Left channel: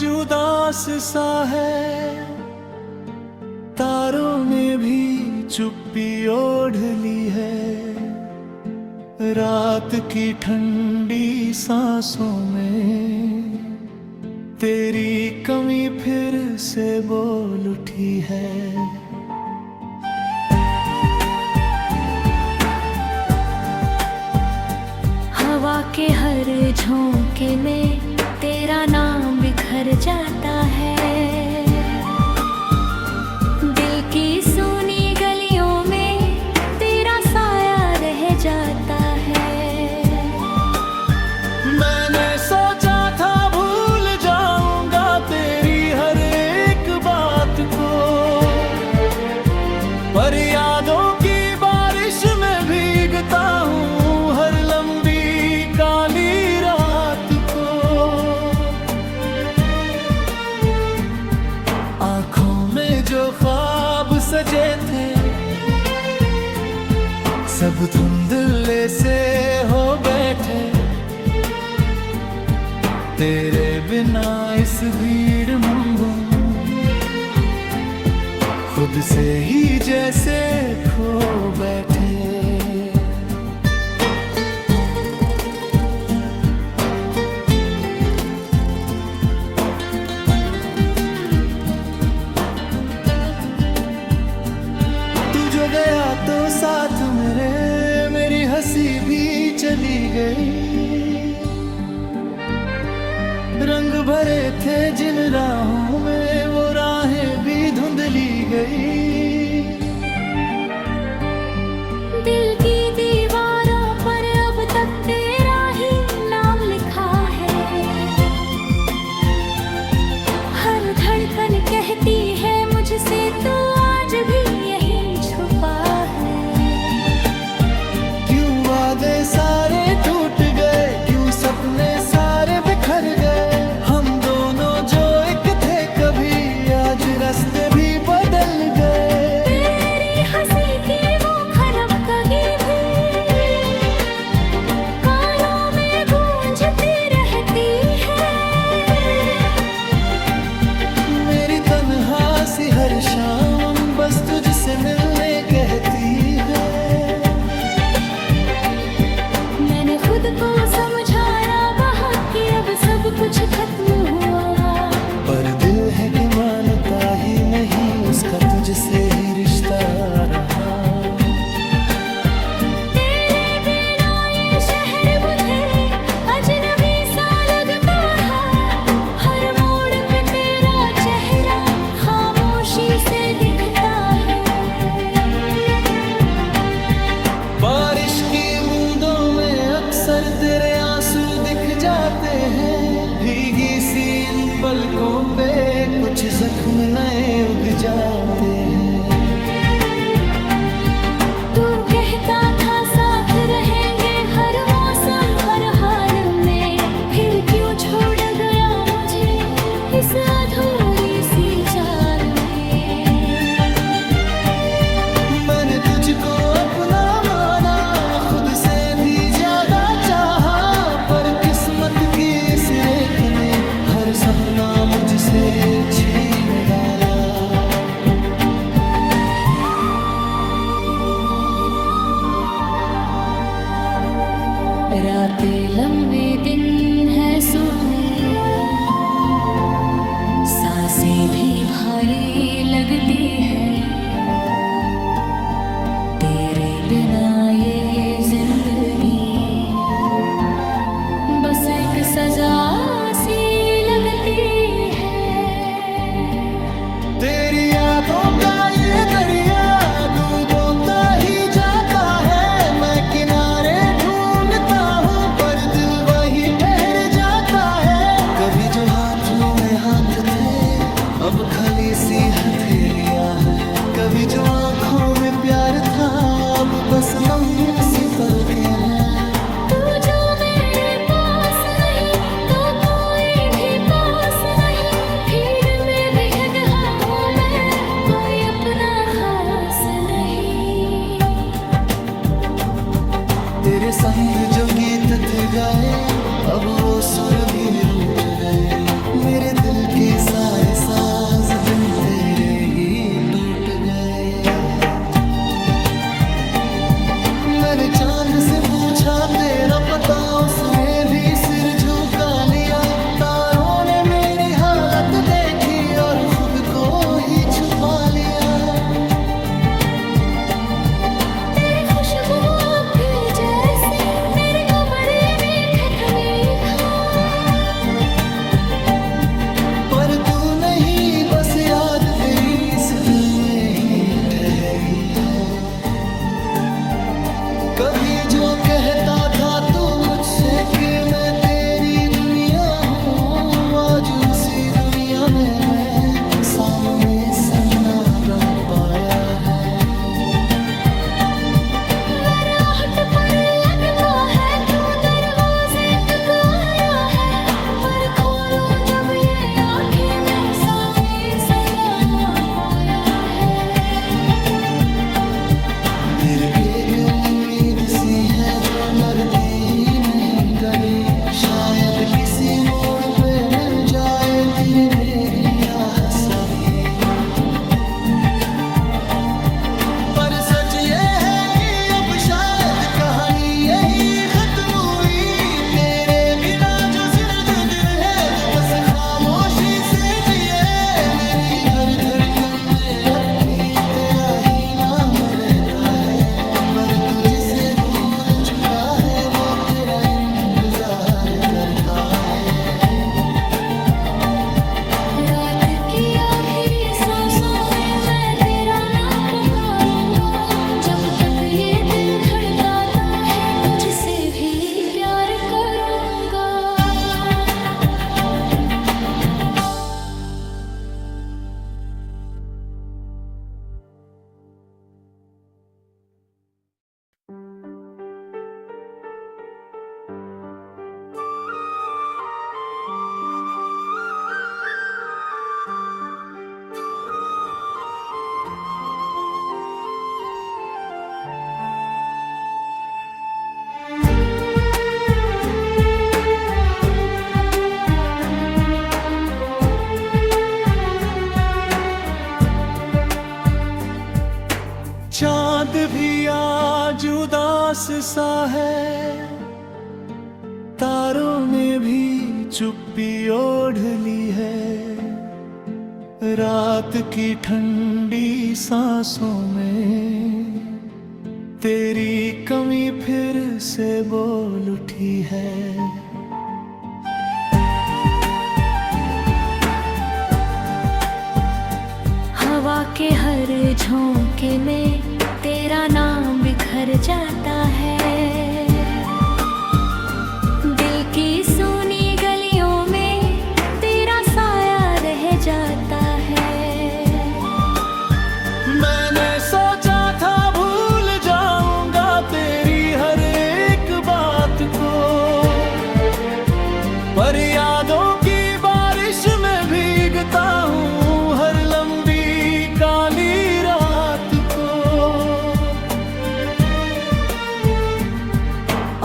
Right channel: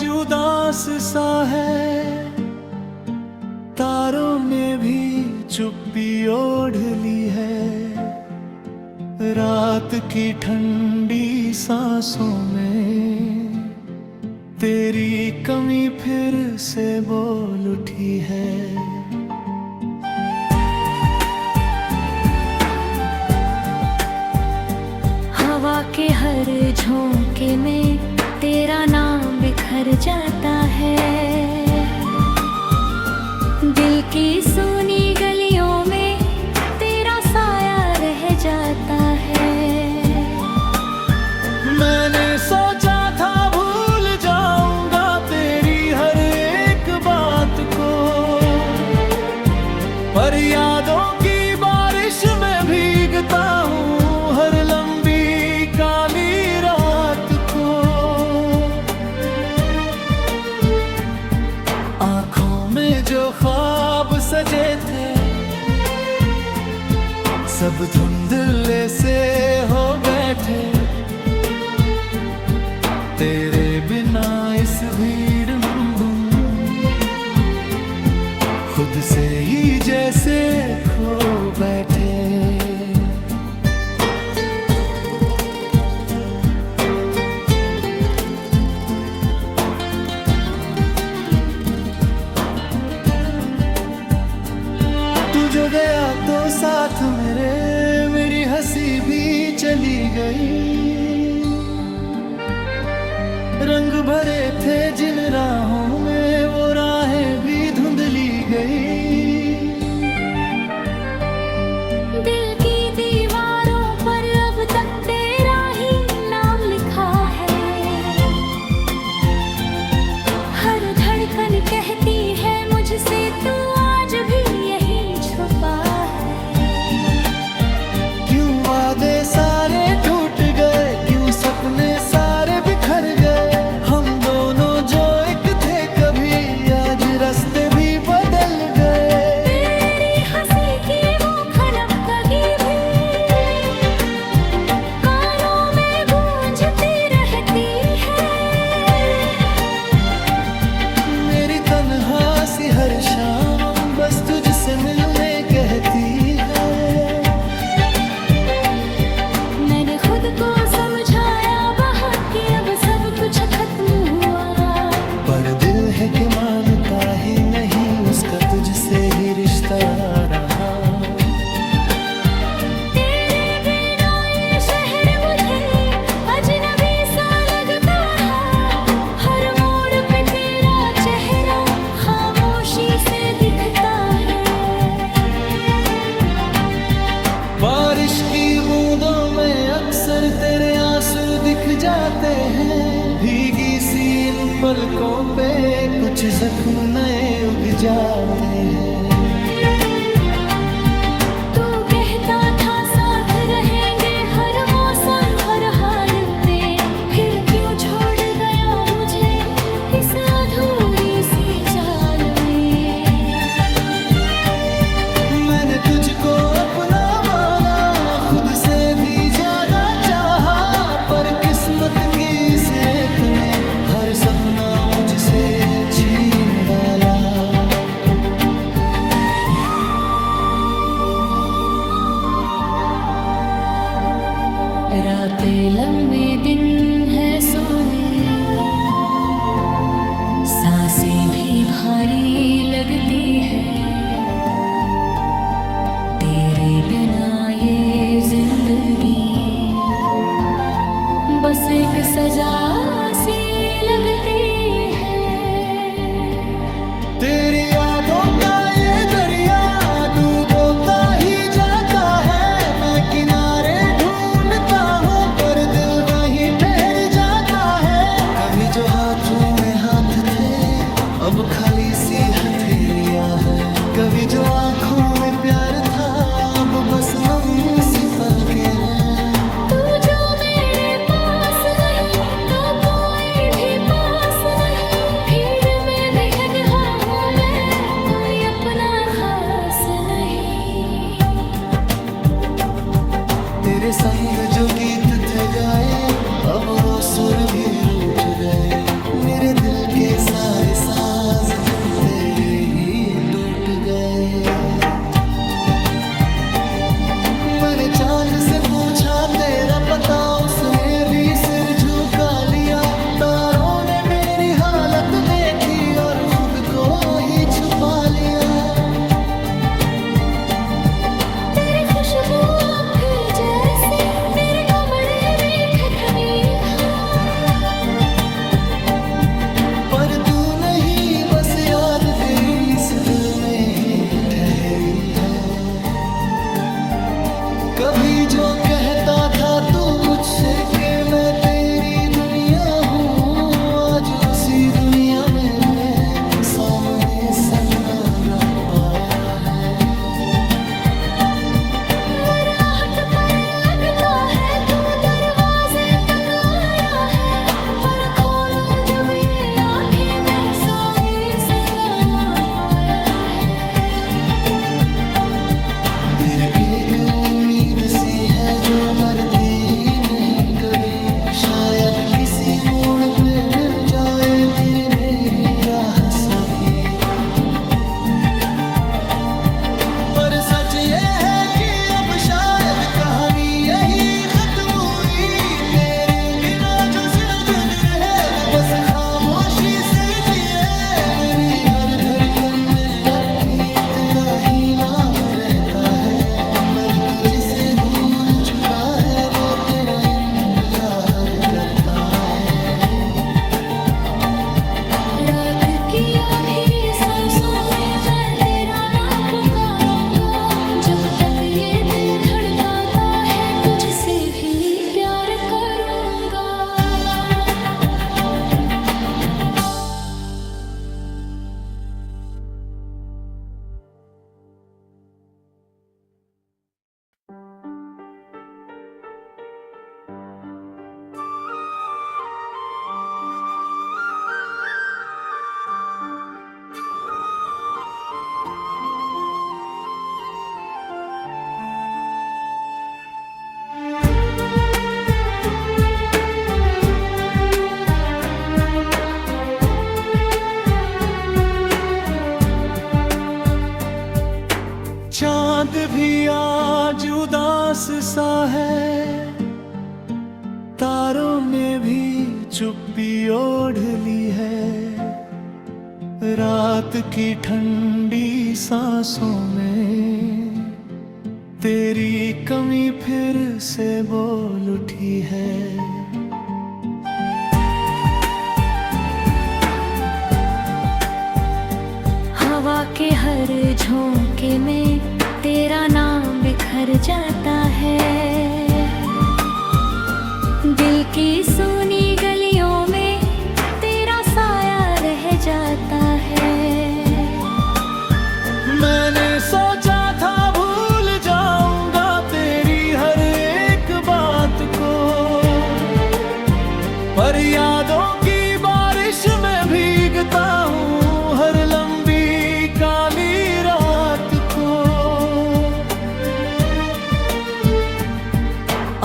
आज उदास सा है, तारों ने भी चुप्पी ओढ़ ली है। रात की ठंडी सांसों में तेरी कमी फिर से बोल उठी है। हवा के हर झोंके में तेरा नाम बिखर जाता है। दिल की सूनी गलियों में तेरा साया रह जाता है। मैंने सोचा था भूल जाऊंगा तेरी हर एक बात को, पर यादों की बारिश में भीगता हूँ हर लंबी काली रात को। आँखों में जो ख्वाब सजे थे सब धुंधले से हो बैठे। तेरे बिना इस भीड़ में खुद से ही जैसे खो बैठे। तू जो गया तो साथ मेरी हंसी भी चली गई। रंग भरे थे जिन राहों में वो राहें भी धुंधली गई। दिल की दीवारों पर अब तक तेरा ही नाम लिखा है। हर धड़कन कहती है मुझसे तू आज भी यही छुपा है। क्यों वादे सारे टूट गए, क्यों सपने सारे बिखर गए। हम दोनों जो एक थे कभी आज रास्ते भी बदल गए। तेरी हंसी की वो खनकगी भी कानों में गूंजती रहती है। मेरी तन्हा सी हर शाम बस तुझसे मिलने कहती है। मैंने खुद को समझाया बहुत कि अब सब कुछ खत्म हुआ, पर दिल है कि मानता ही नहीं उसका तुझसे ही रिश्ता रहा। तेरे बिना ये शहर मुझे अजनबी सा लगता है। हर मोड़ पे तेरा चेहरा खामोशी से दिखता है। बारिश की बूंदों में अक्सर तेरे आंसू दिख जाते हैं। भीगी सी इन पलकों पे कुछ जख्म नए उग जाते हैं। तू कहता था साथ रहेंगे हर मौसम हर हाल में, फिर क्यों छोड़ गया मुझे इस अधूरी सी चाल में। मैंने तुझको अपना माना, खुद से भी ज्यादा चाहा, पर किस्मत की इस रेत ने हर सपना मुझसे छीन डाला। रातें लंबी दिन है सोने, सांसें भी भारी लगती है। तेरे बिना ये जिंदगी बस एक सजा सी लगती है। तेरी यादों का ये दरिया डूबोता ही जाता है। मैं किनारे ढूंढता हूँ पर दिल वहीं ठहर जाता है। कभी जो हाथों में हाथ थे अब खाली सी हथेलियां हैं। कभी जो आँखों में प्यार था अब बस नम सी पलकें हैं। तू जो मेरे पास नहीं तो कोई भी पास नहीं। भीड़ में भी गया हूँ मैं, कोई अपना खास नहीं। तेरे संग जो गीत थे गाए अब वो सुर भी रूठ गए, मेरे दिल के सारे साज बिन तेरे ही टूट गए। मैंने चांद से पूछा तेरा पता, उसने भी सिर झुका लिया। तारों ने मेरी हालत देखी और खुद को ही छुपा लिया। तेरी खुशबू अब भी जैसे मेरे कमरे में ठिठुरी है, पर तू नहीं, बस याद तेरी इस दिल में ही ठहरी है। कभी जो कहता था तू मुझसे कि मैं तेरी दुनिया हूँ, आज उसी दुनिया में मैं सामने सन्नाटा पाया है। वराहट पर लगता है तू दरवाजे तक आया है, पर खोलूं जब ये आंखें मैं सामने सन्नाटा पाया है। मेरी एक उम्मीद सी है जो मरती ही नहीं कभी, शायद किसी मोड़ पे मिल जाए तेरी मेरी राह सभी। पर सच ये है कि अब शायद कहानी यही खत्म हुई। तेरे बिना जो जिंदगी है वो बस खामोशी से जिए। मेरी हर धड़कन में अब भी तेरा ही नाम रहता है, पर तू जिसे भूल चुका है वो तेरा इंतजार करता है। रात की आखिरी सांसों में मैं तेरा नाम पुकारूंगा, जब तक ये दिल धड़काता है तुझसे भी प्यार करूंगा। चांद भी आज उदास सा है, तारों ने भी चुप्पी ओढ़ ली है। रात की ठंडी सांसों में तेरी कमी फिर से बोल उठी है। हवा के हर झोंके में तेरा नाम बिखर जाता है, दिल की सुनी गलियों में तेरा साया रह जाता है। मैंने सोचा था भूल जाऊंगा तेरी हर एक बात को, पर यादों की बारिश में भीगता हूँ हर लंबी काली रात को।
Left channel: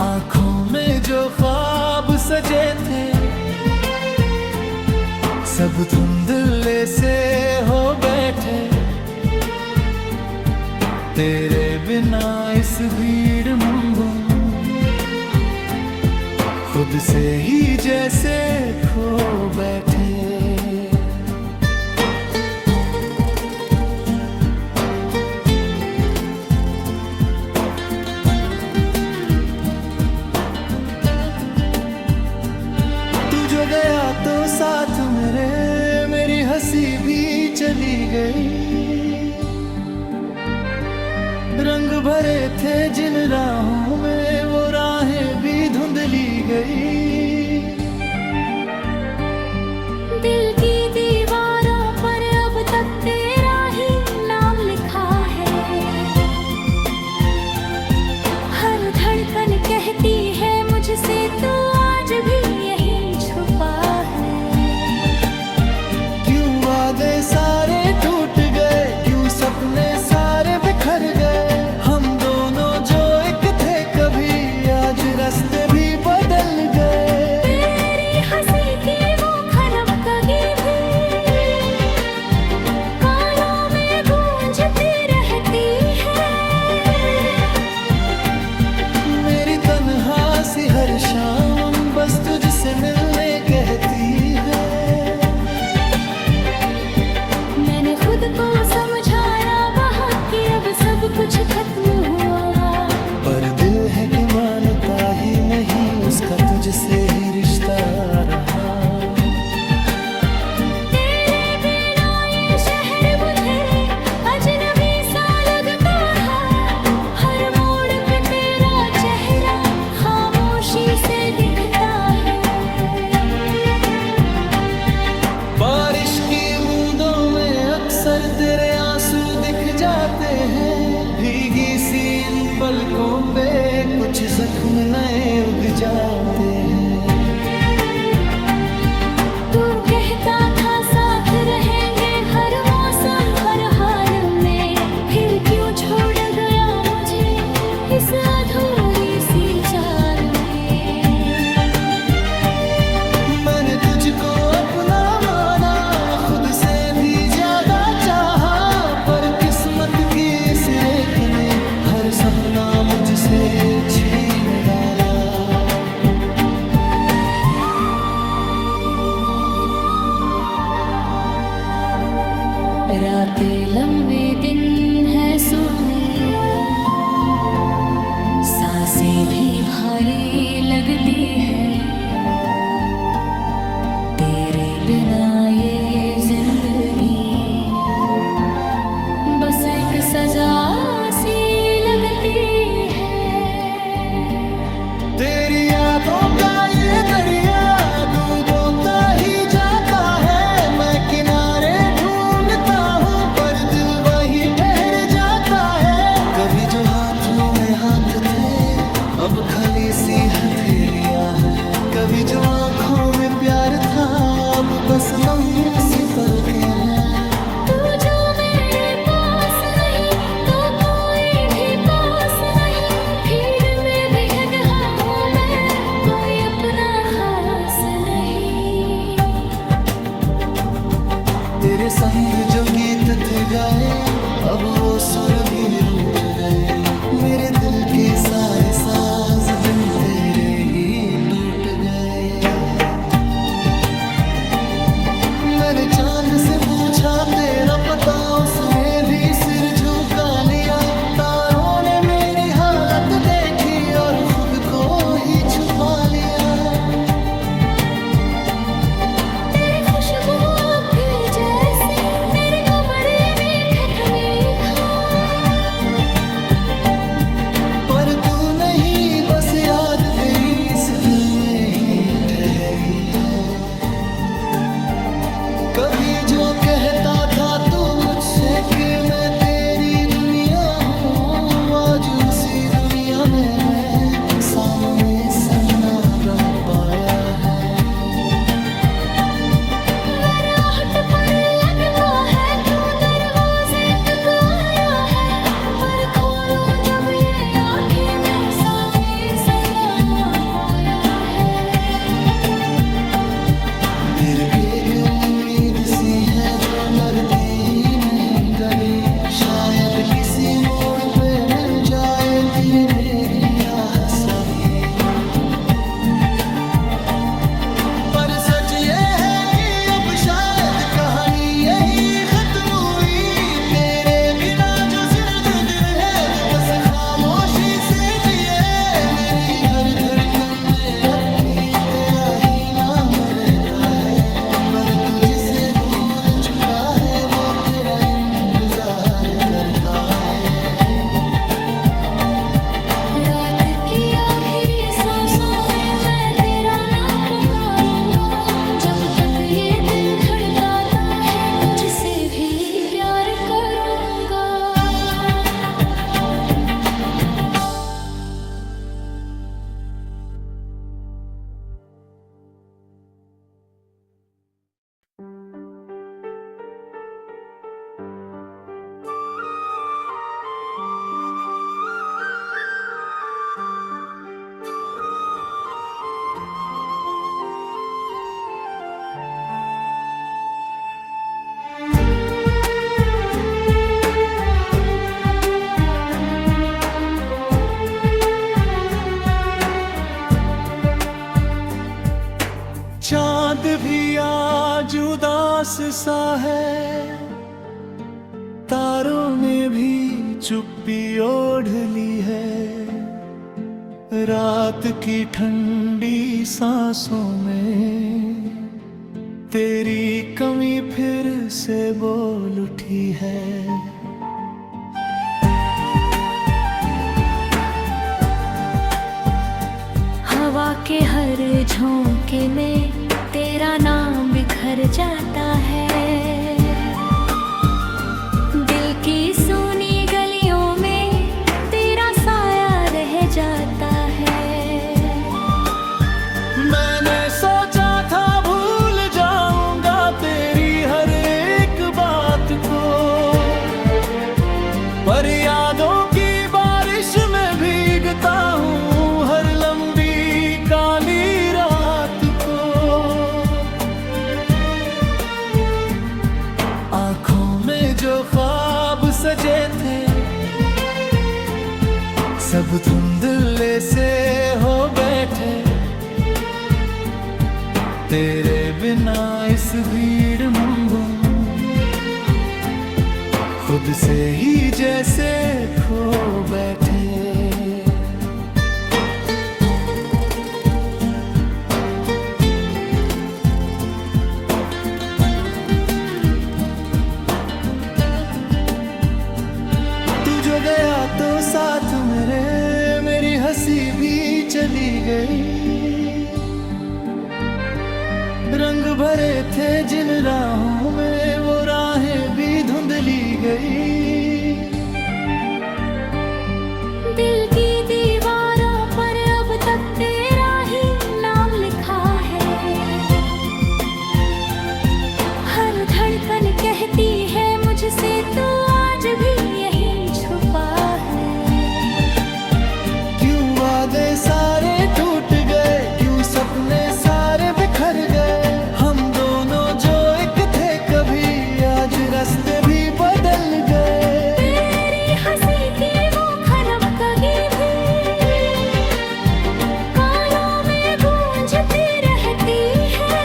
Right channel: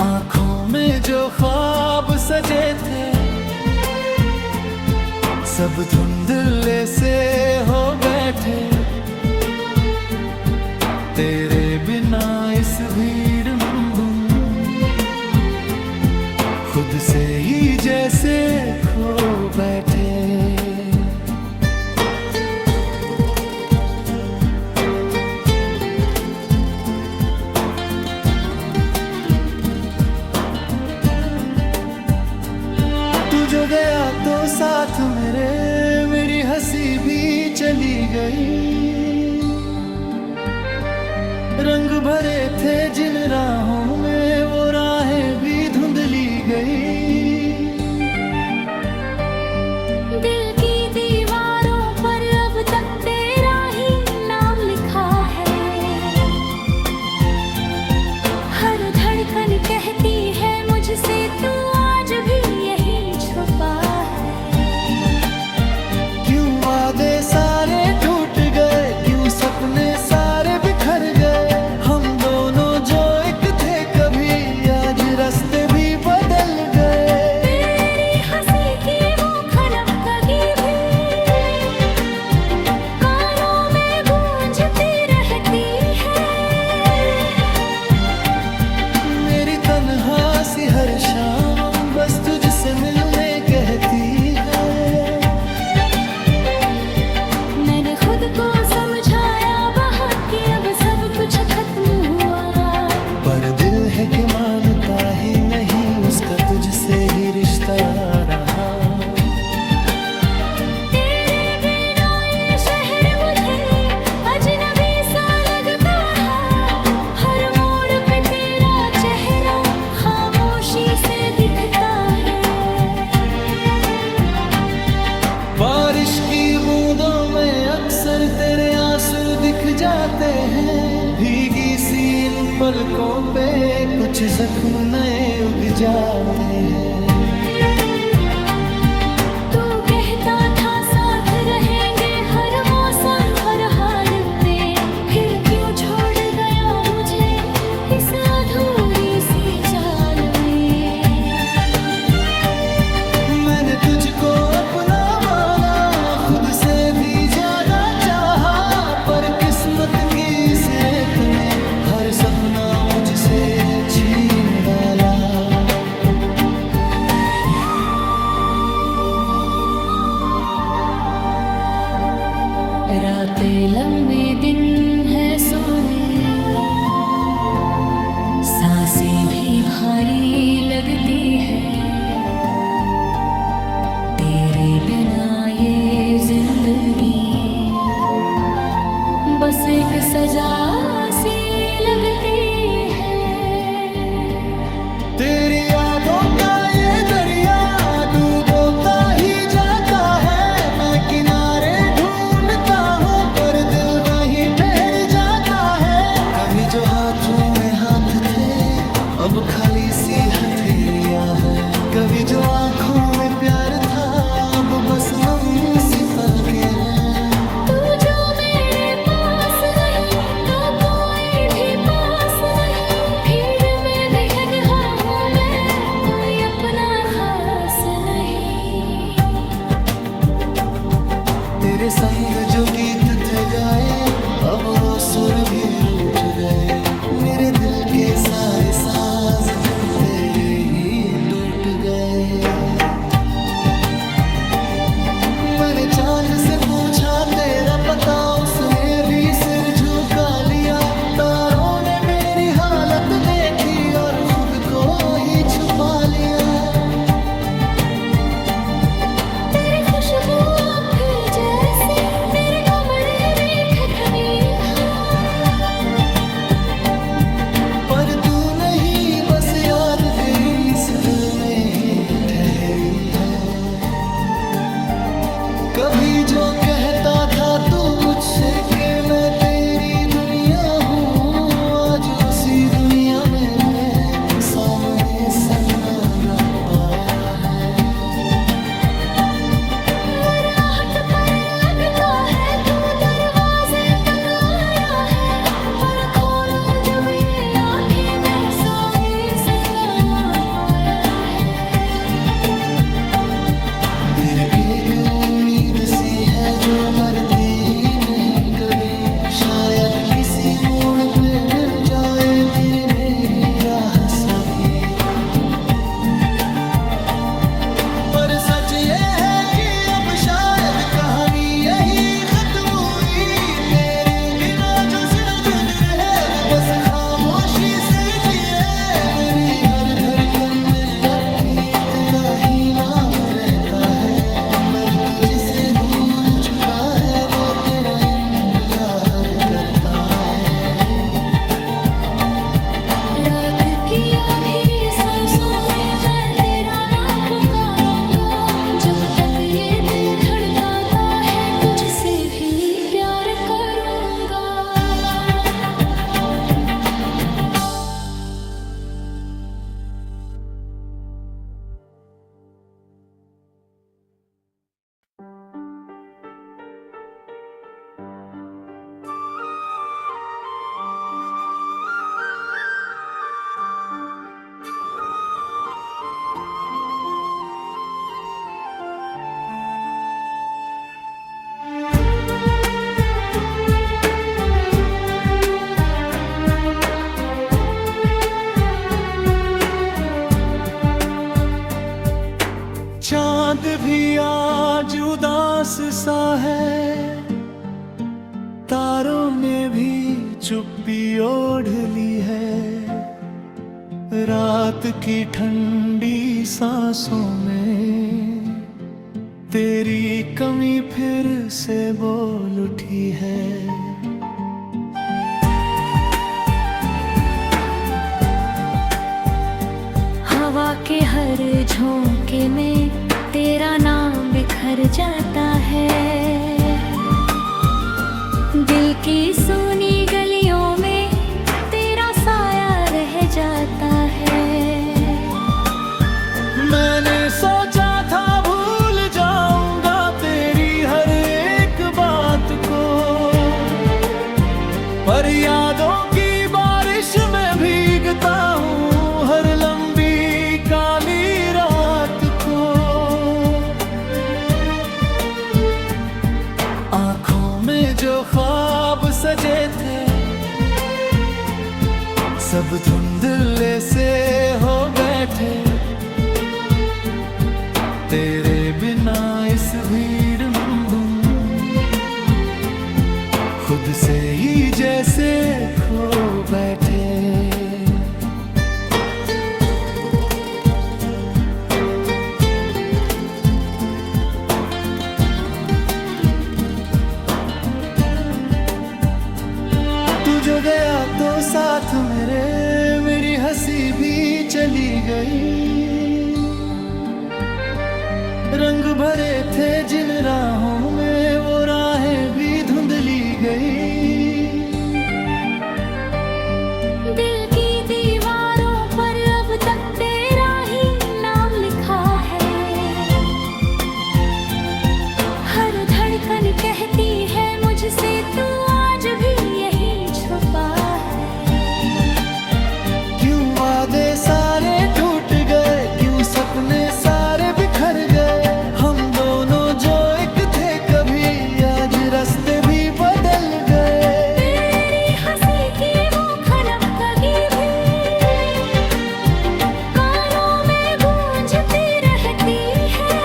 आंखों में जो ख्वाब सजे थे सब धुंधले से हो बैठे, तेरे बिना इस भीड़ में खुद से ही जैसे खो बैठे। तू जो गया तो साथ मेरी हंसी भी चली गई। रंग भरे थे जिन राहों में वो राहें भी धुंधली गई। दिल की दीवारों पर अब तक तेरा ही नाम लिखा है, हर धड़कन कहती है मुझसे तू आज भी यही छुपा है। क्यों वादे सारे टूट गए, क्यों सपने सारे बिखर गए। हम दोनों जो एक थे कभी आज रास्ते भी बदल गए। शाम बस तुझसे मिलने कहती है। मैंने खुद को समझाया बहुत कि अब सब कुछ खत्म हुआ, पर दिल है कि मानता ही नहीं, उसका तुझसे ही रिश्ता रहा। तेरे बिना ये शहर मुझे अजनबी सा लगता है, हर मोड़ पे तेरा चेहरा खामोशी से दिखता है। बारिश की बूंदों में अक्सर तेरे आंसू दिख जाते हैं, भीगी सी इन पलकों पे कुछ जख्म नए उग जाते हैं। तू कहता था साथ रहेंगे हर मौसम हर हाल में, फिर क्यों छोड़ गया मुझे इस अधूरी सी चाल में। मैंने तुझको अपना माना, खुद से भी ज्यादा चाहा, पर किस्मत की इस रेत ने हर सपना मुझसे छीन डाला। रातें लंबी दिन है सोने, सांसें भी भारी लगती है, तेरे बिना ये जिंदगी बस एक सजा सी लगती है। तेरी यादों का ये दरिया डूबोता ही जाता है, मैं किनारे ढूंढता हूँ पर दिल वही ठहर जाता है। कभी जो हाथों में हाथ थे अब खाली सी हथेलियां हैं, कभी जो आंखों में प्यार था अब बस नम सी पलकें हैं। तू जो मेरे पास नहीं तो कोई भी पास नहीं, भीड़ में भी है गया हूँ मैं, कोई अपना खास नहीं। तेरे संग जो गीत थे गाए अब वो सुर भी रूठ गए, मेरे दिल के सारे साज बिन तेरे ही टूट गए। मैंने चांद से पूछा तेरा पता, उसने भी सिर झुका लिया, तारों ने मेरी हालत देखी और खुद को ही छुपा लिया। तेरी खुशबू अब भी जैसे मेरे कमरे में ठिठनी है, पर तू नहीं बस याद तेरी इस दिल में ही ठहरी है। कभी जो कहता था तू मुझसे कि मैं तेरी दुनिया हूँ, आज उसी दुनिया में मैं सामने सन्नाटा पाया है। आहट पर लगता है तू दरवाजे तक आया है, पर खोलूं जब ये आंखें मैं सामने सन्नाटा पाया है। मेरी एक उम्मीद सी है जो मरती ही नहीं कभी, शायद किसी मोड़ पे मिल जाए तेरी मेरी राह सभी। पर सच ये है कि अब शायद कहानी यही खत्म हुई, तेरे बिना जो जिंदगी है वो बस खामोशी से जिए। मेरी हर धड़कन में अब भी तेरा ही नाम रहता है, पर तू जिसे भूल चुका है वो तेरा इंतजार करता है। रात की आखिरी सांसों में मैं तेरा नाम पुकारूंगा, जब तक ये दिल धड़काता है तुझसे भी प्यार करूंगा। एहसास सा है, तारों ने भी चुप्पी ओढ़ ली है। रात की ठंडी सांसों में तेरी कमी फिर से बोल उठी है। हवा के हर झोंके में तेरा नाम बिखर जाता है। दिल की सूनी गलियों में तेरा साया रह जाता है। मैंने सोचा था भूल जाऊंगा तेरी हर एक बात को, पर यादों की बारिश में भीगता हूँ हर लंबी काली रात को। आंखों में जो ख्वाब सजे थे सब धुंधले से हो बैठे। तेरे बिना इस भीड़ में खुद से ही जैसे खो बैठे। तू जो गया तो साथ मेरी हंसी भी चली गई। रंग भरे थे जिन राहों में वो राहें भी धुंधली गई। दिल की दीवारों पर अब तक तेरा ही नाम लिखा है। हर धड़कन कहती है मुझसे तू आज भी यही छुपा है। क्यों वादे सारे टूट गए, क्यों सपने सारे बिखर गए। हम दोनों जो एक थे कभी आज रास्ते भी बदल गए। तेरी हंसी की वो खनकगी भी कानों में गूंजती रहती है।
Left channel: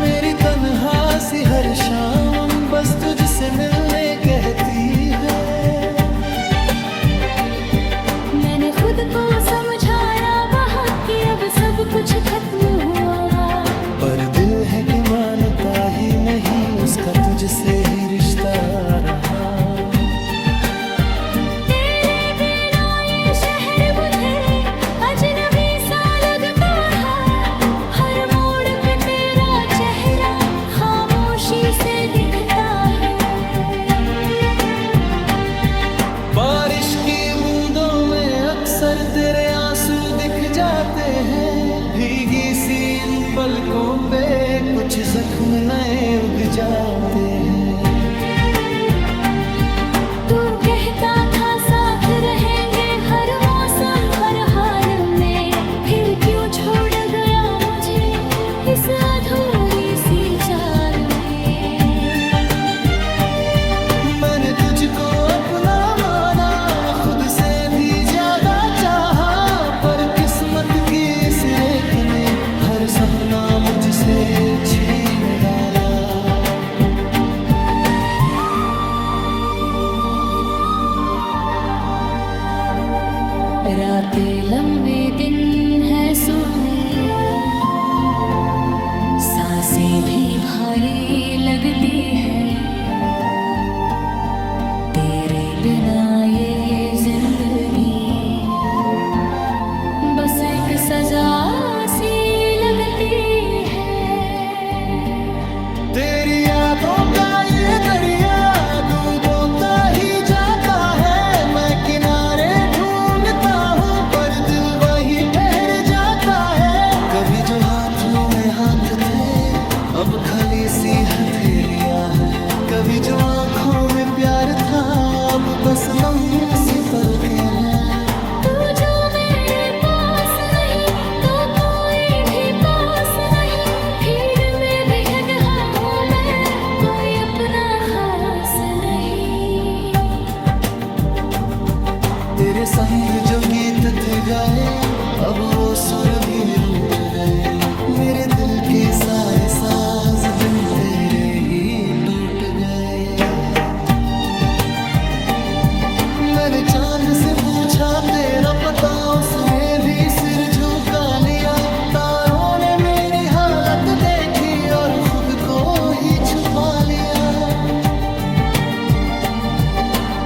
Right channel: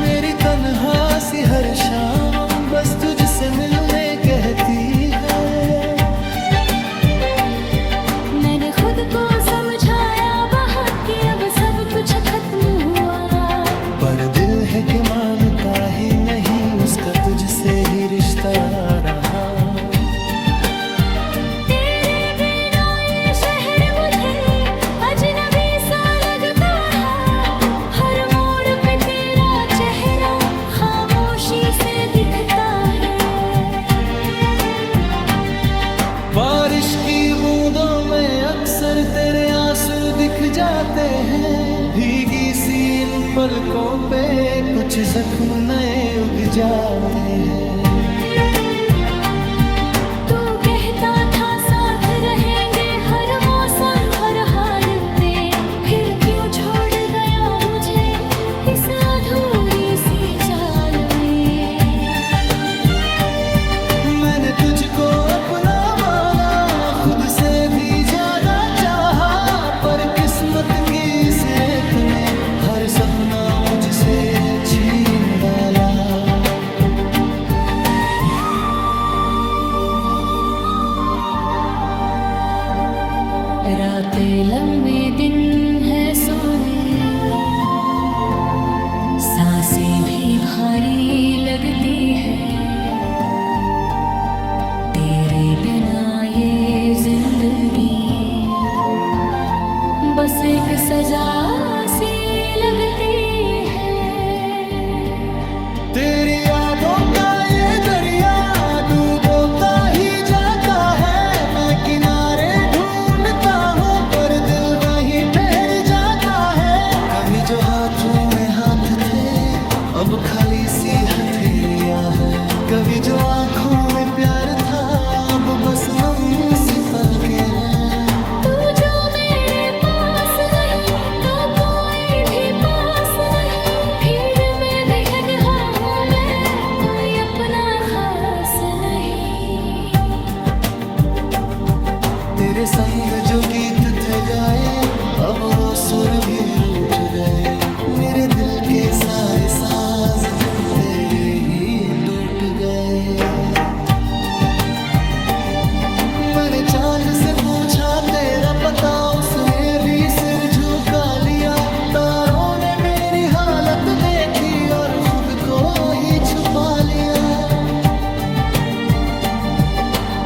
मेरी तन्हा सी हर शाम बस तुझसे मिलने कहती है। मैंने खुद को समझाया बहुत कि अब सब कुछ खत्म हुआ, पर दिल है कि मानता ही नहीं उसका तुझसे ही रिश्ता रहा। तेरे बिना ये शहर मुझे अजनबी सा लगता है। हर मोड़ पे तेरा चेहरा खामोशी से दिखता है। बारिश की बूंदों में अक्सर तेरे आंसू दिख जाते हैं। भीगी सी इन पलकों पे कुछ जख्म नए उग जाते हैं। तू कहता था साथ रहेंगे हर मौसम हर हाल में, फिर क्यों छोड़ गया मुझे इस अधूरी सी चाल में। मैंने तुझको अपना माना, खुद से भी ज्यादा चाहा, पर किस्मत की इस रेत ने हर सपना मुझसे छीन डाला। रातें लंबी दिन है सोने, सांसें भी भारी लगती है। तेरे बिना ये जिंदगी बस एक सजा सी लगती है। तेरी यादों का ये दरिया डूबोता ही जाता है। मैं किनारे ढूंढता हूँ पर दिल वहीं ठहर जाता है। कभी जो हाथों में हाथ थे अब खाली सी हथेलियां हैं। कभी जो आंखों में प्यार था अब बस नम सी पलकें हैं। तू जो मेरे पास नहीं तो कोई भी पास नहीं। भीड़ में भी गया हूँ मैं, कोई अपना खास नहीं। तेरे संग जो गीत थे गाए अब वो सुर भी रूठ गए, मेरे दिल के सारे साज बिन तेरे ही टूट गए। मैंने चांद से पूछा तेरा पता, उसने भी सिर झुका लिया। तारों ने मेरी हालत देखी और खुद को ही छुपा लिया।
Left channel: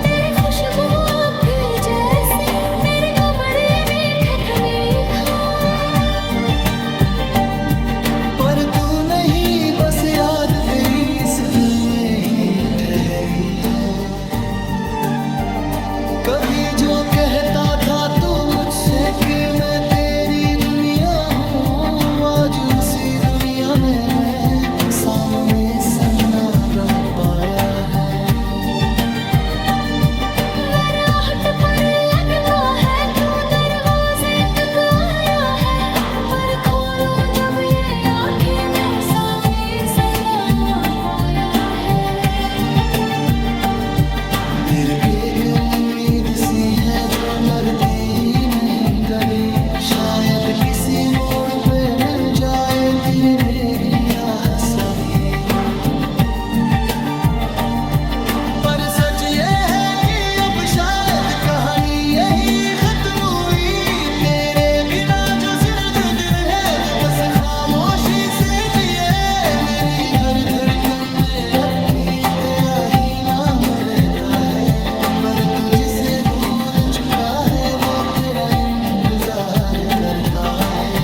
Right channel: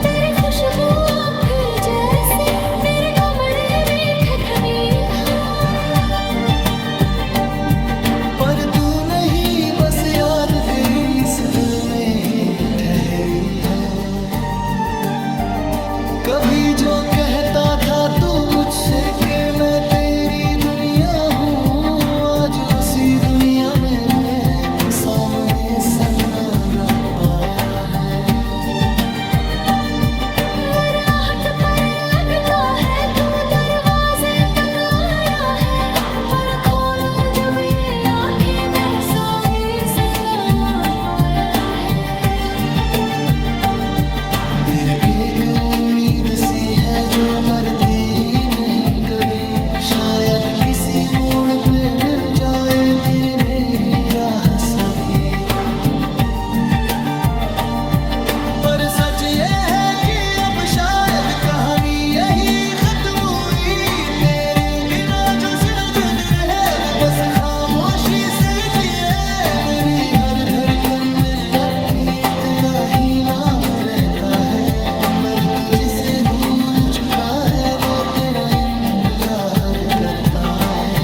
तेरी खुशबू अब भी जैसे मेरे कमरे में ठिठुरी पर तू नहीं, बस याद तेरी इस दिल में ही ठहरी है। कभी जो कहता था तू मुझसे कि मैं तेरी दुनिया हूँ, आज उसी दुनिया में मैं सामने सन्नाटा पाया है। राहट पर लगता है तू दरवाजे तक आया है, पर खोलो जब ये आंखें मैं सामने सन्नाटा पाया है। मेरी एक उम्मीद सी है जो मरती ही नहीं कभी, शायद किसी मोड़ पे मिल जाए तेरी मेरी राह सभी। पर सच ये है कि अब शायद कहानी यही खत्म हुई। तेरे बिना जो दिल है वो बस खामोशी से जिए। मेरी हर धड़कन में अब भी तेरा ही नाम रहता है, पर तू जिसे भूल चुका है वो तेरा इंतजार करता है।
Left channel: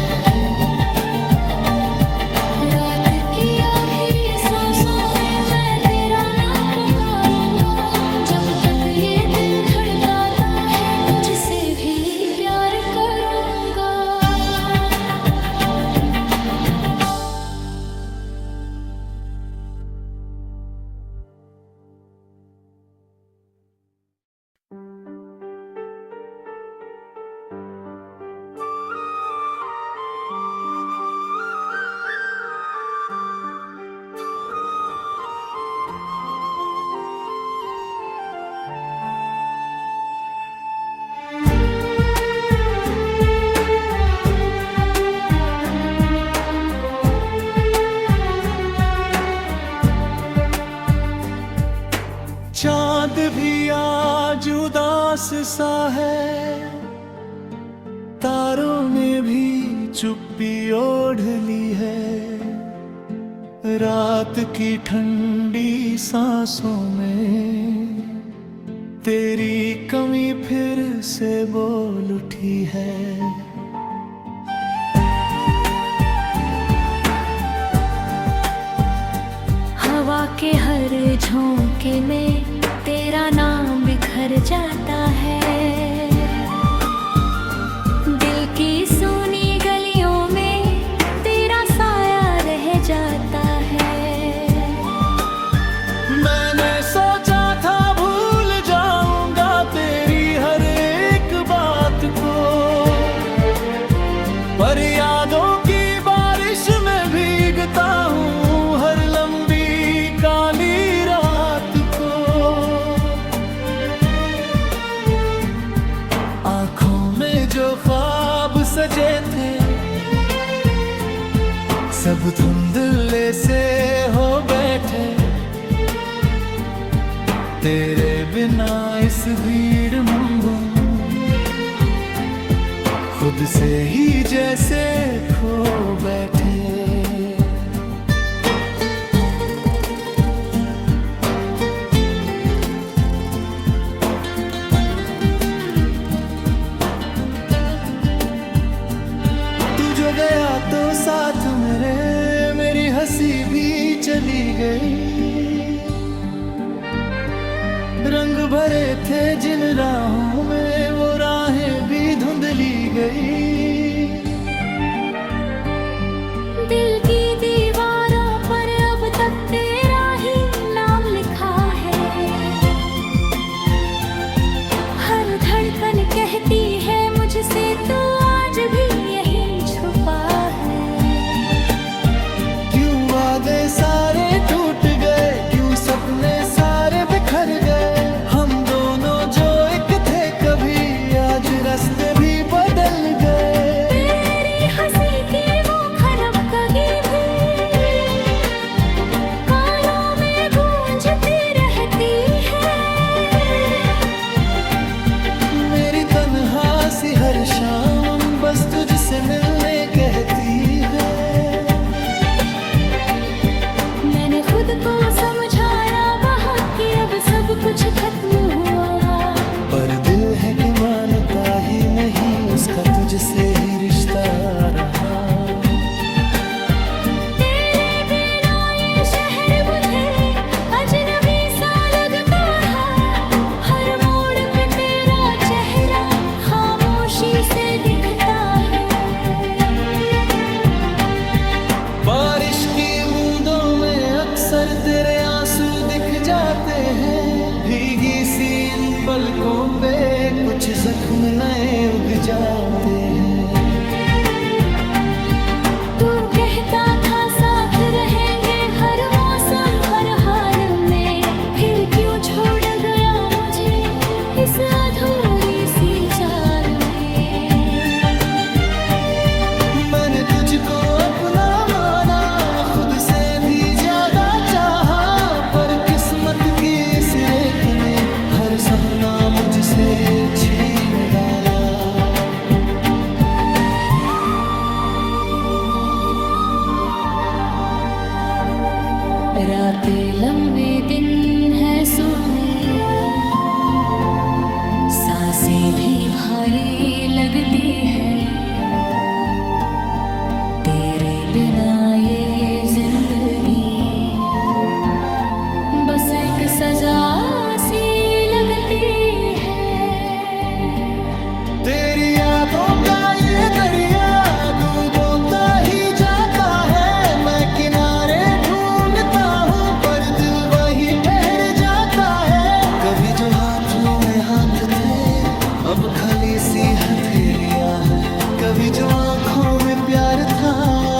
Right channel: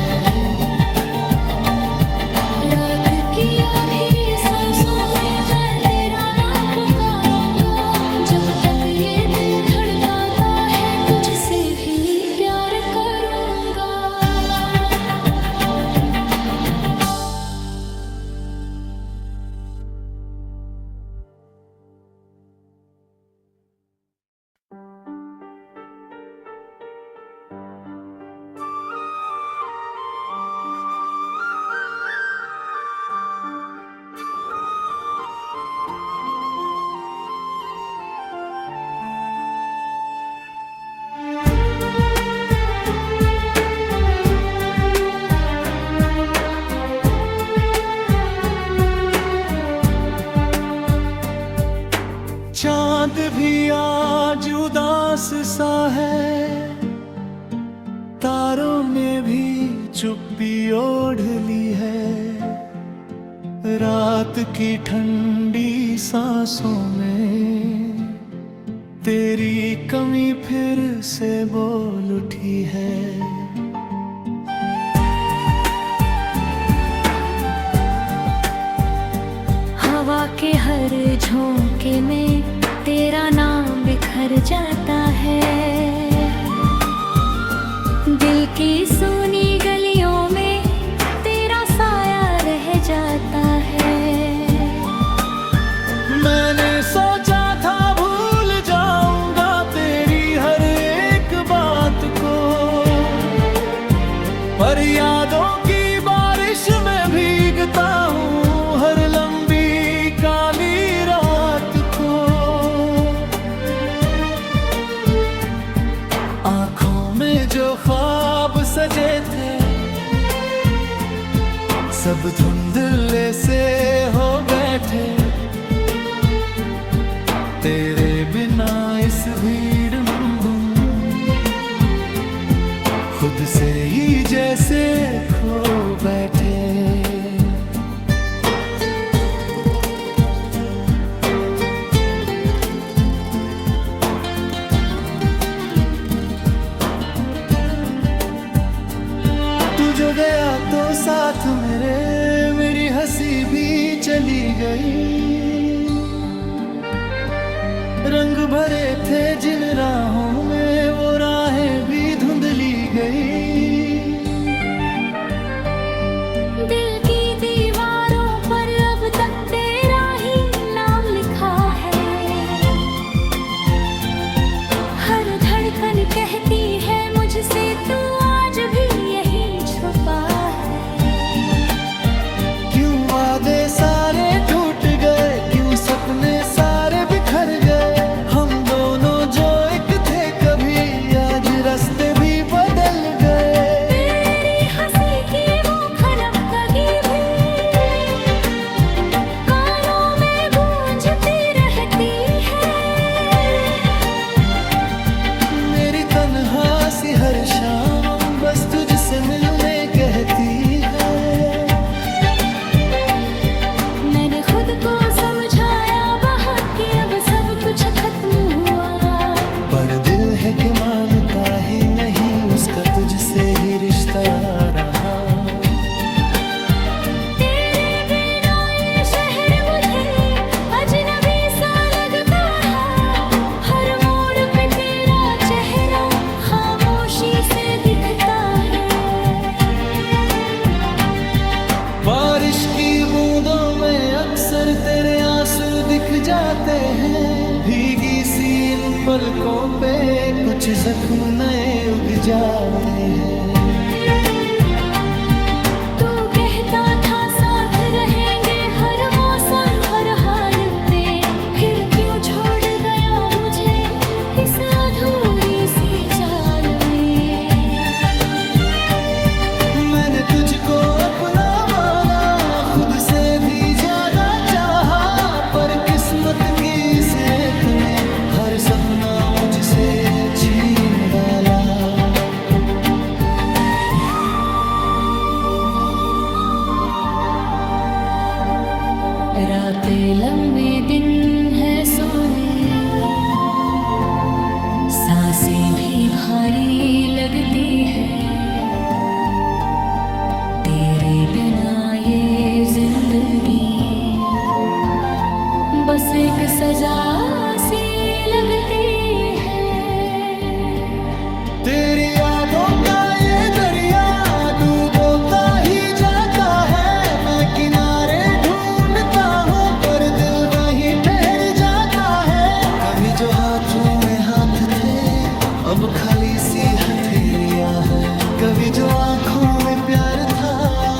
रात की आखिरी सांसों में मैं तेरा नाम पुकारूंगा, जब तक ये दिल धड़काता है तुझसे भी प्यार करूंगा। चांद भी आज उदास सा है, तारों ने भी चुप्पी ओढ़ ली है। रात की ठंडी सांसों में तेरी कमी फिर से बोल उठी है। हवा के हर झोंके में तेरा नाम बिखर जाता है, दिल की सूनी गलियों में तेरा साया रह जाता है। मैंने सोचा था भूल जाऊंगा तेरी हर एक बात को, पर यादों की बारिश में भीगता हूँ हर लंबी काली रात को। आंखों में जो ख्वाब सजे थे सब धुंधले से हो बैठे, तेरे बिना इस भीड़ में खुद से ही जैसे खो बैठे। तू जो गया तो साथ मेरी हंसी भी चली गई। रंग भरे थे जिन राहों में वो राहें भी धुंधली गई। दिल की दीवारों पर अब तक तेरा ही नाम लिखा है, हर धड़कन कहती है मुझसे तू आज भी यही छुपा है। क्यों वादे सारे टूट गए, क्यों सपने सारे बिखर गए। हम दोनों जो एक थे कभी आज रास्ते भी बदल गए। हर शाम बस तुझसे मिलने कहती है। मैंने खुद को समझाया बहुत कि अब सब कुछ खत्म हुआ, पर दिल है कि मानता ही नहीं, उसका तुझसे ही रिश्ता रहा। तेरे बिना ये शहर मुझे अजनबी सा लगता है, हर मोड़ पे तेरा चेहरा खामोशी से दिखता है। बारिश की बूंदों में अक्सर तेरे आंसू दिख जाते हैं, भीगी सी इन पलकों पे कुछ जख्म नए उग जाते हैं। तू कहता था साथ रहेंगे हर मौसम हर हाल में, फिर क्यों छोड़ गया मुझे इस अधूरी सी चाल में। मैंने तुझको अपना माना, खुद से भी ज्यादा चाहा, पर किस्मत की इस रेत ने हर सपना मुझसे छीन डाला। रातें लंबी दिन है सोने, सांसें भी भारी लगती है, तेरे बिना ये जिंदगी बस एक सजा सी लगती है। तेरी यादों का ये दरिया डूबोता ही जाता है, मैं किनारे ढूंढता हूँ पर दिल वहीं ठहर जाता है। कभी जो हाथों में हाथ थे अब खाली सी हथेलियां हैं, कभी जो आंखों में प्यार था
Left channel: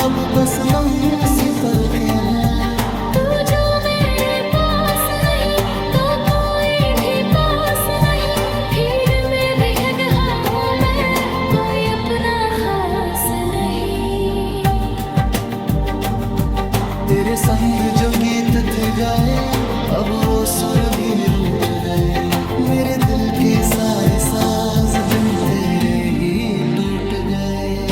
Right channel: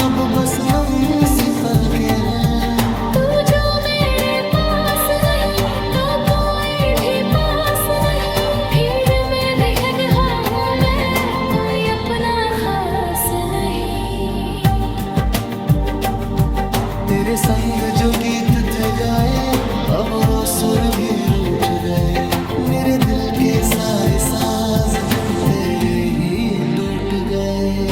अब बस नम सी पलकें हैं। तू जो मेरे पास नहीं तो कोई भी पास नहीं, भीड़ में भी गया हूँ मैं, कोई अपना खास नहीं। तेरे संग जो गीत थे गाए अब वो सुर भी रूठ गए, मेरे दिल के सारे साज बिन तेरे ही टूट गए।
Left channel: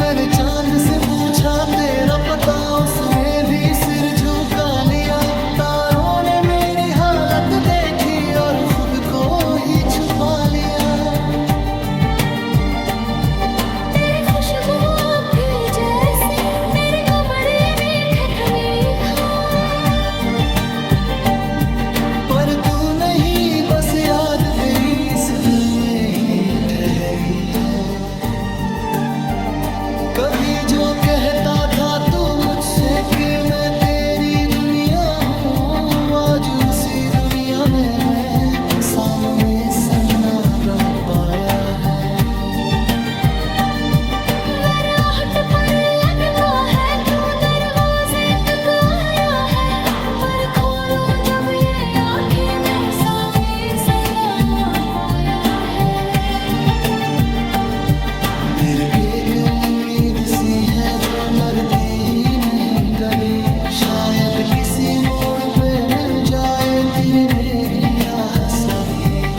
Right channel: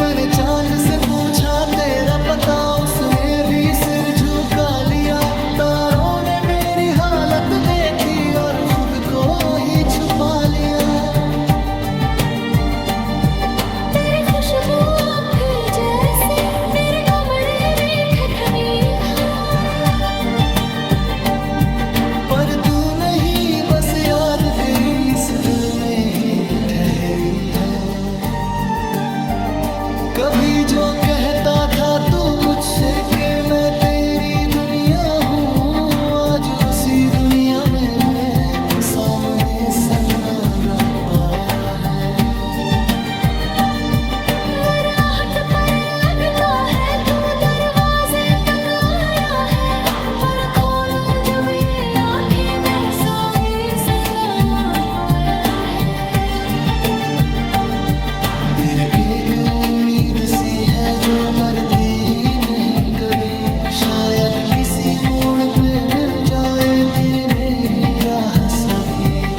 मैंने चांद से पूछा तेरा पता, उसने भी सिर झुका लिया, तारों ने मेरी हालत देखी और खुद को ही छुपा लिया। तेरी खुशबू अब भी जैसे मेरे कमरे में खटनी है, पर तू नहीं बस याद तेरी इस दिल में ही ठहरी है। कभी जो कहता था तू मुझसे कि मैं तेरी दुनिया हूँ, आज उसी दुनिया में मैं सामने सन्नाटा पाया है। राहट पर लगता है तू दरवाजे तक आया है, पर खोलो जब ये आंखें मैं सामने सन्नाटा पाया है। मेरी एक उम्मीद सी है जो मरती ही नहीं कभी, शायद किसी मोड़ पे मिल जाए तेरी मेरी राह सभी।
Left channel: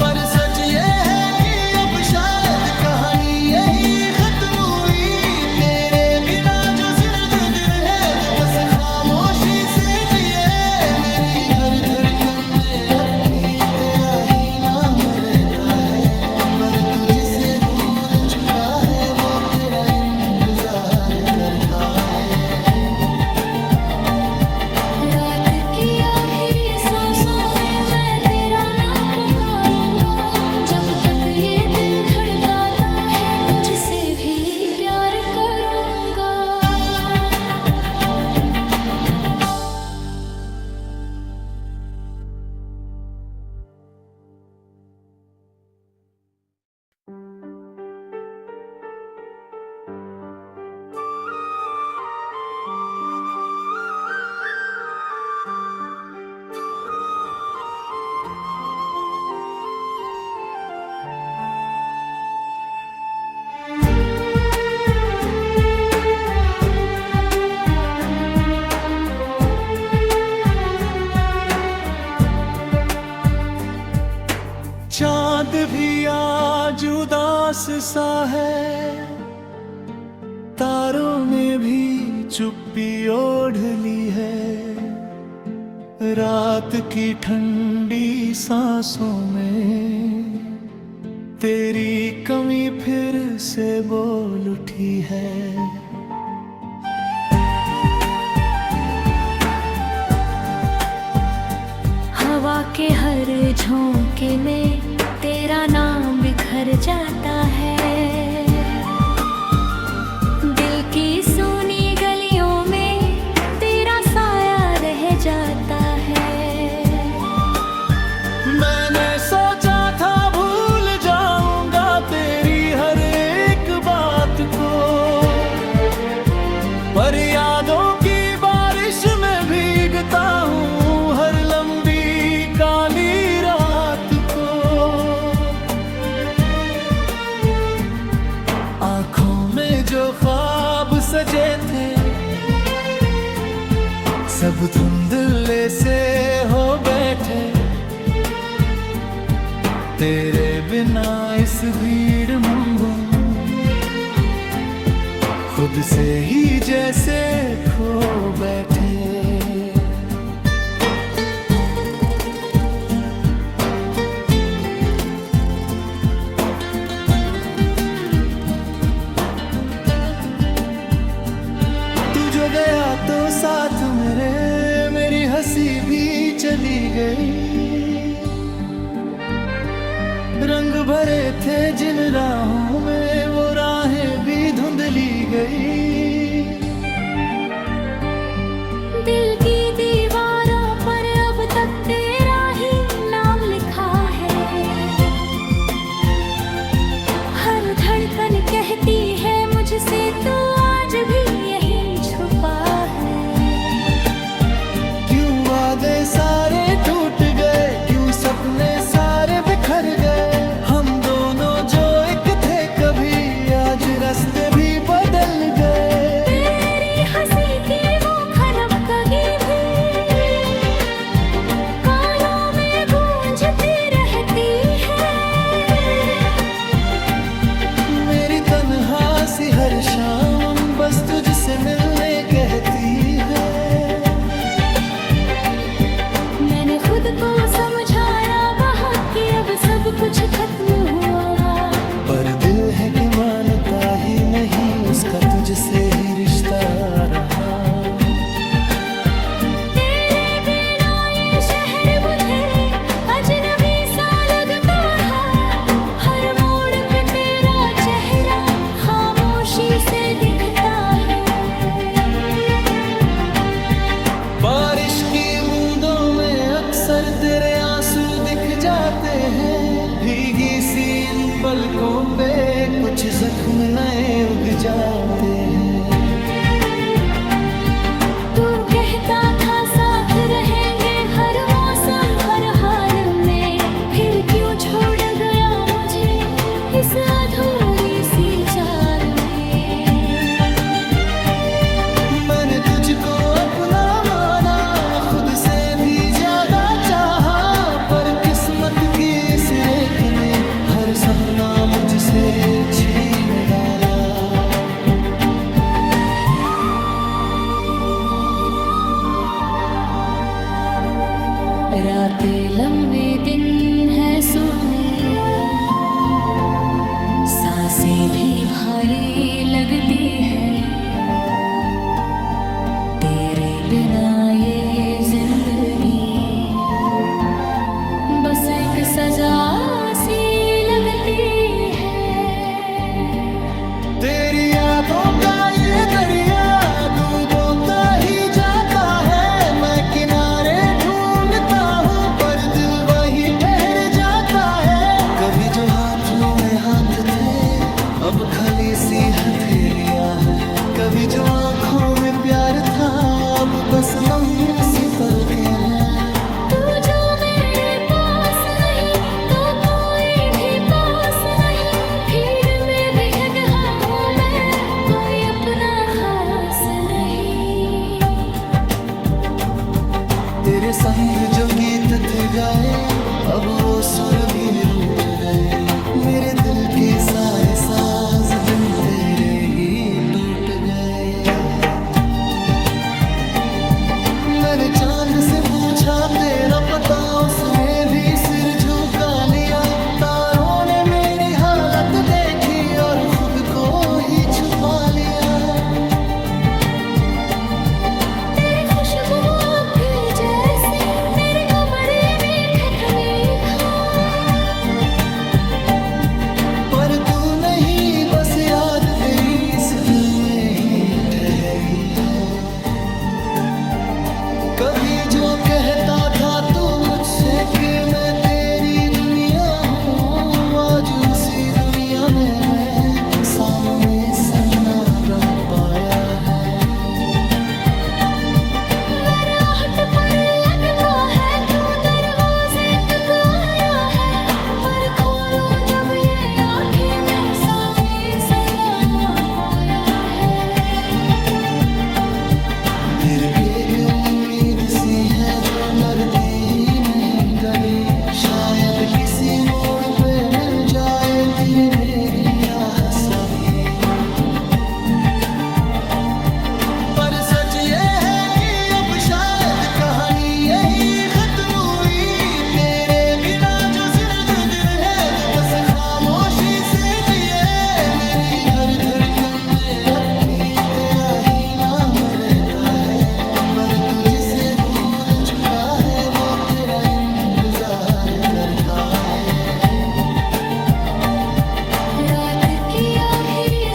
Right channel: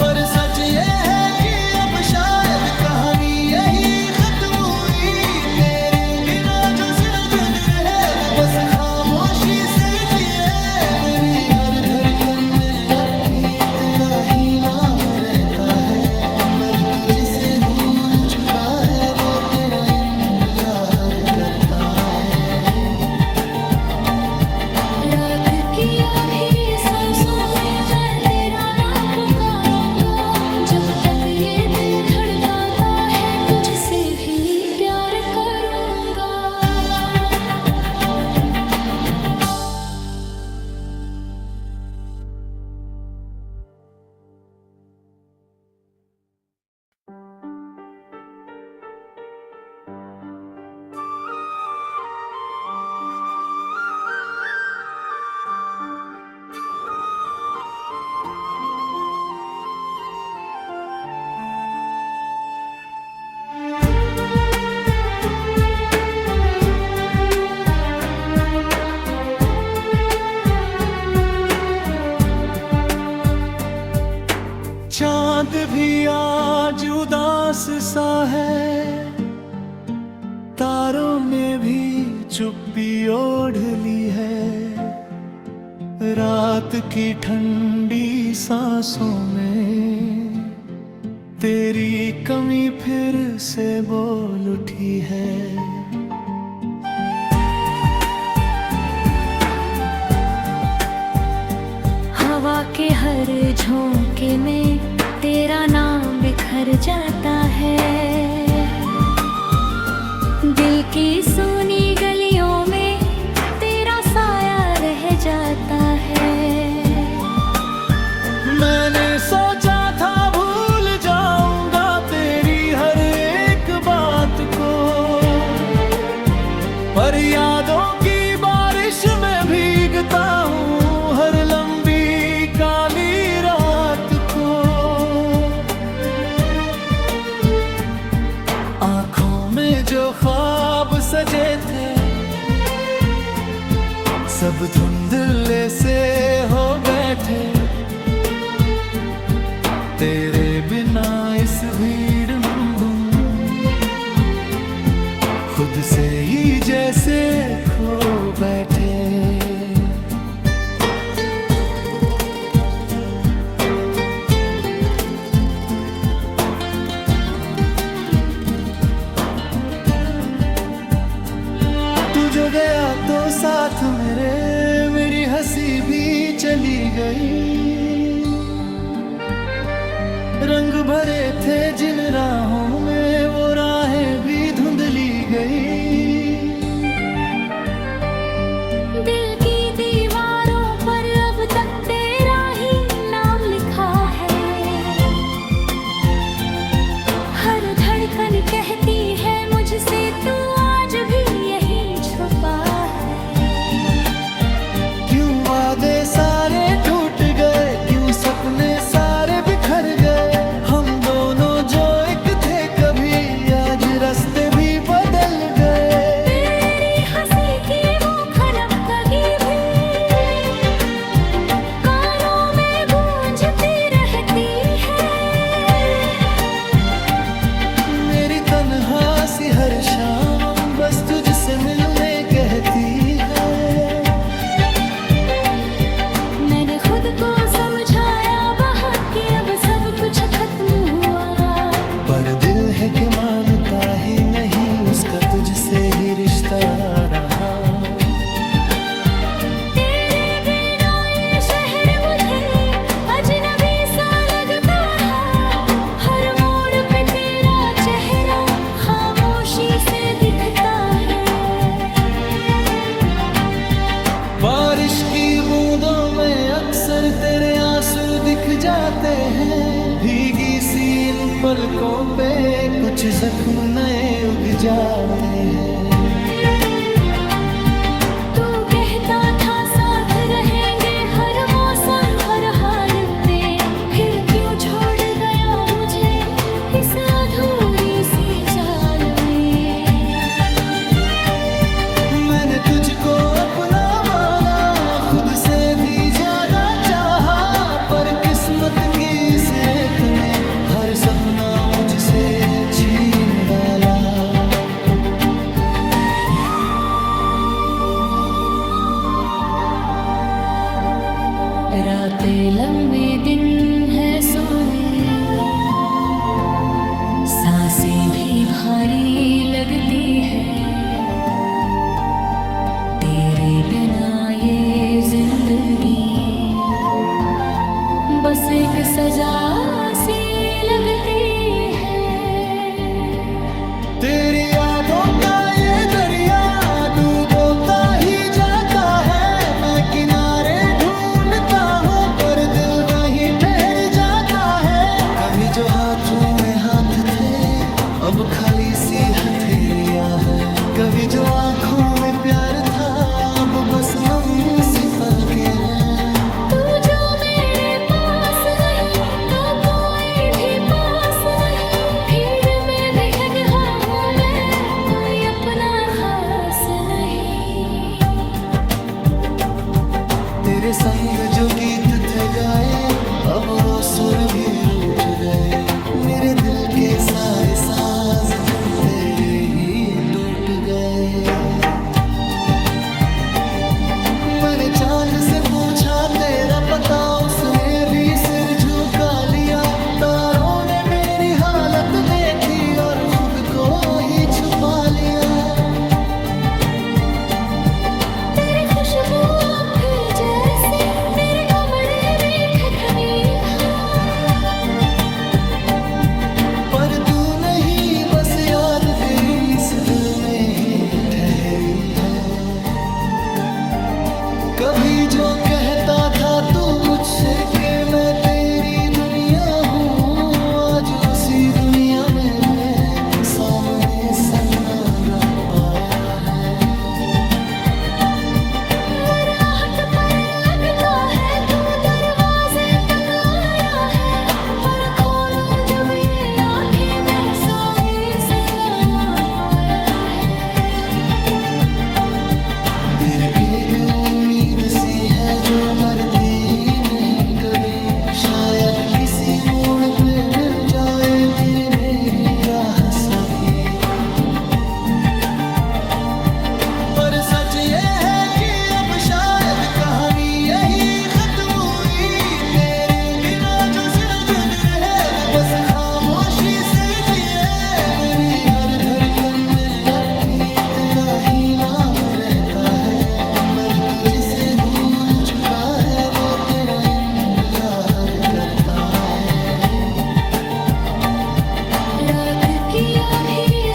पर सच ये है कि अब शायद कहानी यही खत्म हुई, तेरे बिना जो जिंदगी है वो बस खामोशी से जिए। मेरी हर धड़कन में अब भी तेरा ही नाम रहता है, पर तू जिसे भूल चुका है वो तेरा इंतजार करता है। रात की आखिरी सांसों में मैं तेरा नाम पुकारूंगा, जब तक ये दिल धड़काता है तुझसे भी प्यार करूंगा। भी आज उदास सा है, तारों ने भी चुप्पी ओढ़ ली है। रात की ठंडी सांसों में तेरी कमी फिर से बोल उठी है। हवा के हर झोंके में तेरा नाम बिखर जाता है। दिल की सूनी गलियों में तेरा साया रह जाता है। मैंने सोचा था भूल जाऊंगा तेरी हर एक बात को, पर यादों की बारिश में भीगता हूँ हर लंबी काली रात को। आंखों में जो ख्वाब सजे थे सब धुंधले से हो बैठे, तेरे बिना इस भीड़ में खुद से ही जैसे खो बैठे। तू जो गया तो साथ मेरी हंसी भी चली गई। रंग भरे थे जिन राहों में वो राहें भी धुंधली गई। दिल की दीवारों पर अब तक तेरा ही नाम लिखा है। हर धड़कन कहती है मुझसे तू आज भी यही छुपा है। क्यों वादे सारे टूट गए, क्यों सपने सारे बिखर गए। हम दोनों जो एक थे कभी आज रास्ते भी बदल गए। तेरी हंसी की वो खनक कभी भी कानों में गूंजती रहती है। मेरी तन्हा सी हर शाम बस तुझसे मिलने कहती है। मैंने खुद को समझाया बहुत कि अब सब कुछ खत्म हुआ, पर दिल है कि मानता ही नहीं उसका तुझसे ही रिश्ता रहा। तेरे बिना ये शहर मुझे अजनबी सा लगता है। हर मोड़ पे तेरा चेहरा खामोशी से दिखता है। बारिश की बूंदों में अक्सर तेरे आंसू दिख जाते हैं। भीगी सी इन पलकों पे कुछ जख्म नए उग जाते हैं। तू कहता था साथ रहेंगे हर मौसम हर हाल में, फिर क्यों छोड़ गया मुझे इस अधूरी सी चाल में। मैंने तुझको अपना माना, खुद से भी ज्यादा चाहा, पर किस्मत की इस रेत ने हर सपना मुझसे छीन डाला। रातें लंबी दिन है सोने, सांसें भी भारी लगती है। तेरे बिना ये जिंदगी बस एक सजा सी लगती है। तेरी यादों का ये दरिया डूबोता ही जाता है। मैं किनारे ढूंढता हूँ पर दिल वहीं ठहर जाता है। कभी जो हाथों में हाथ थे अब खाली सी हथेलियां हैं। कभी जो आंखों में प्यार था अब बस नम सी पलकें हैं। तू जो मेरे पास नहीं तो कोई भी पास नहीं। भीड़ में भी गया हूँ मैं, कोई अपना खास नहीं। तेरे संग जो गीत थे गाए अब वो सुर भी रूठ गए, मेरे दिल के सारे साज बिन तेरे ही टूट गए। मैंने चांद से पूछा तेरा पता, उसने भी सिर झुका लिया। तारों ने मेरी हालत देखी और खुद को ही छुपा लिया। तेरी खुशबू अब भी जैसे मेरे कमरे में ठठनी है, पर तू नहीं, बस याद तेरी इस दिल में ही ठहरी है। कभी जो कहता था तू मुझसे कि मैं तेरी दुनिया हूँ, आज उसी दुनिया में मैं सामने सन्ना रह पाया है। मेरे आहट पर लगता है तू दरवाजे तक आया है, पर खोलूं जब ये आंखें मैं सामने सन्नामा पाया है। फिर एक उम्मीद सी है जो मरती ही नहीं कभी, शायद किसी मोड़ पे मिल जाए तेरी मेरी राह सभी। पर सच ये है कि अब शायद कहानी यही खत्म हुई। तेरे बिना जो जिंदगी है वो बस खामोशी से जिए। मेरी हर धड़कन में अब भी तेरा ही नाम रहता है, पर तू जिसे भूल चुका है वो तेरा इंतजार करता है। रात की आखिरी